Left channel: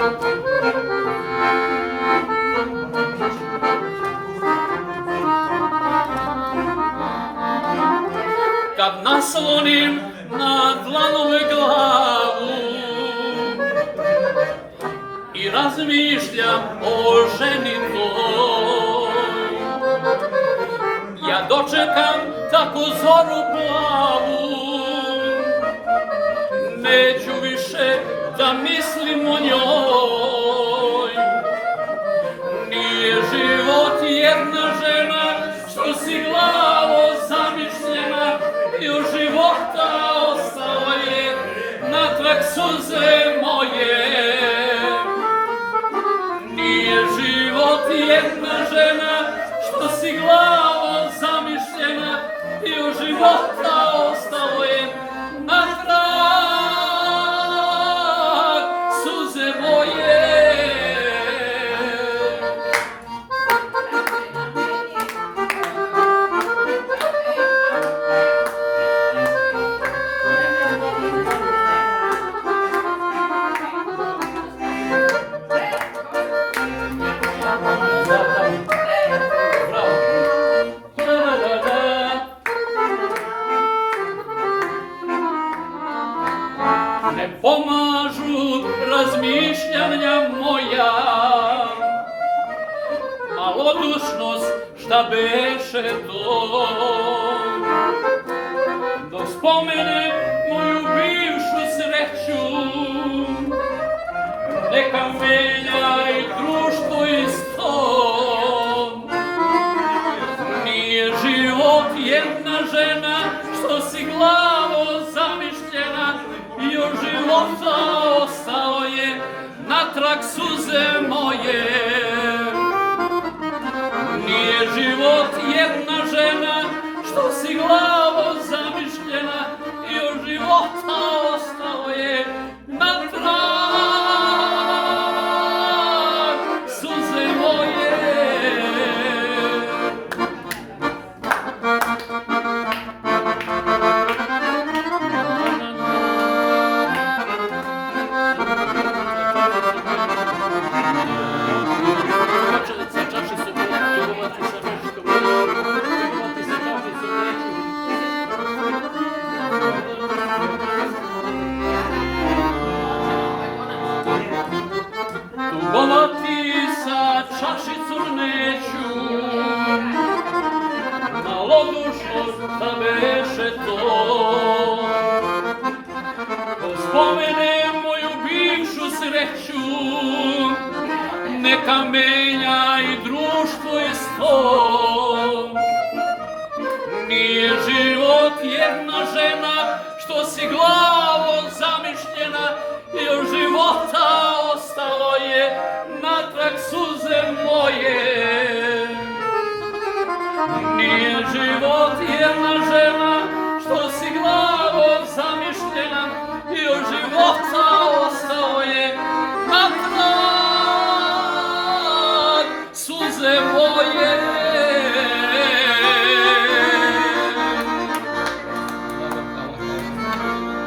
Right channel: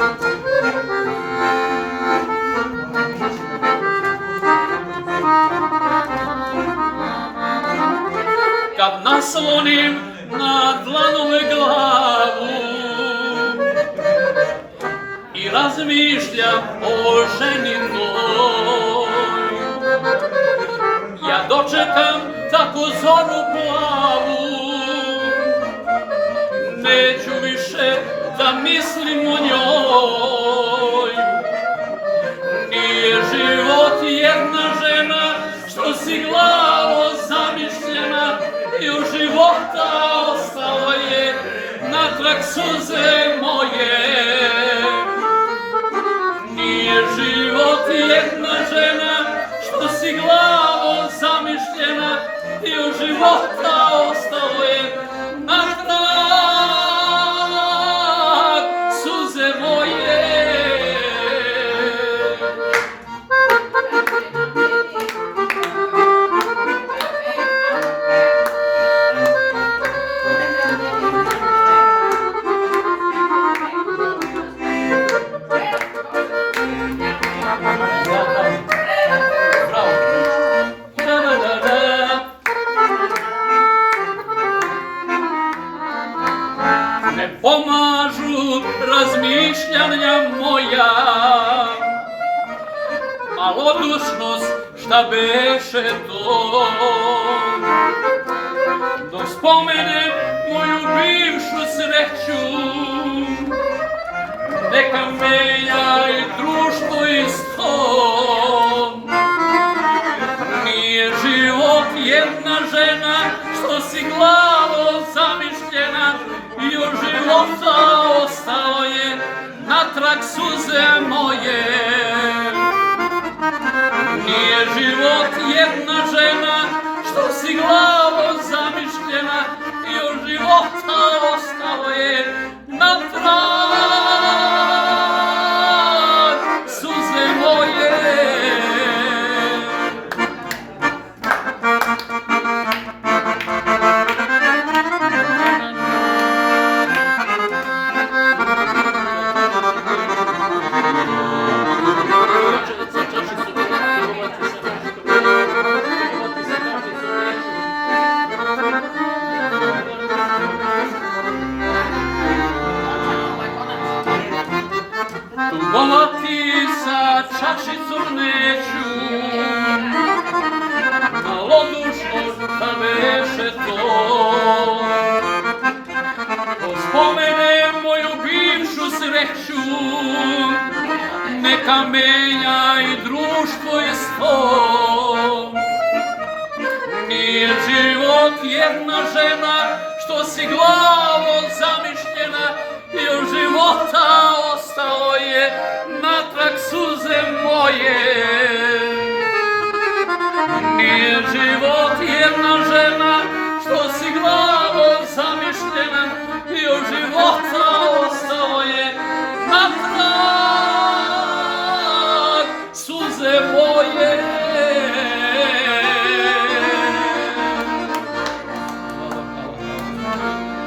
Kad naslonim na dlanom glavu i razmišljam o ženi toj, ja dočekam tako zoru plavu, neću više da mislim o njoj. Nije život jedna žena što si glavo zamišljena, i od života ostalo je natrag suze moje. Nije život jedna žena što si glavo zamišljena, i od života ostalo je natrag suze moje. Ne pomažu razmišljanja moja, malodušnost šta beše to. Dok spomenem moju bivšu sreću, neka menja i društvo isto. Nije život jedna žena što si glavo zamišljena, i od života ostalo je natrag suze moje. Nije život jedna žena što si glavo zamišljena, i od života ostalo je natrag suze moje. Tugovati sa čašicom neću, malodušnost da beše to. Ko spomene moju bivšu sreću, neka menja i društvo isto. Nije život jedna žena što si glavo zamišljena, i od života ostalo je natrag suze moje. Nije život jedna žena što si glavo zamišljena, i od života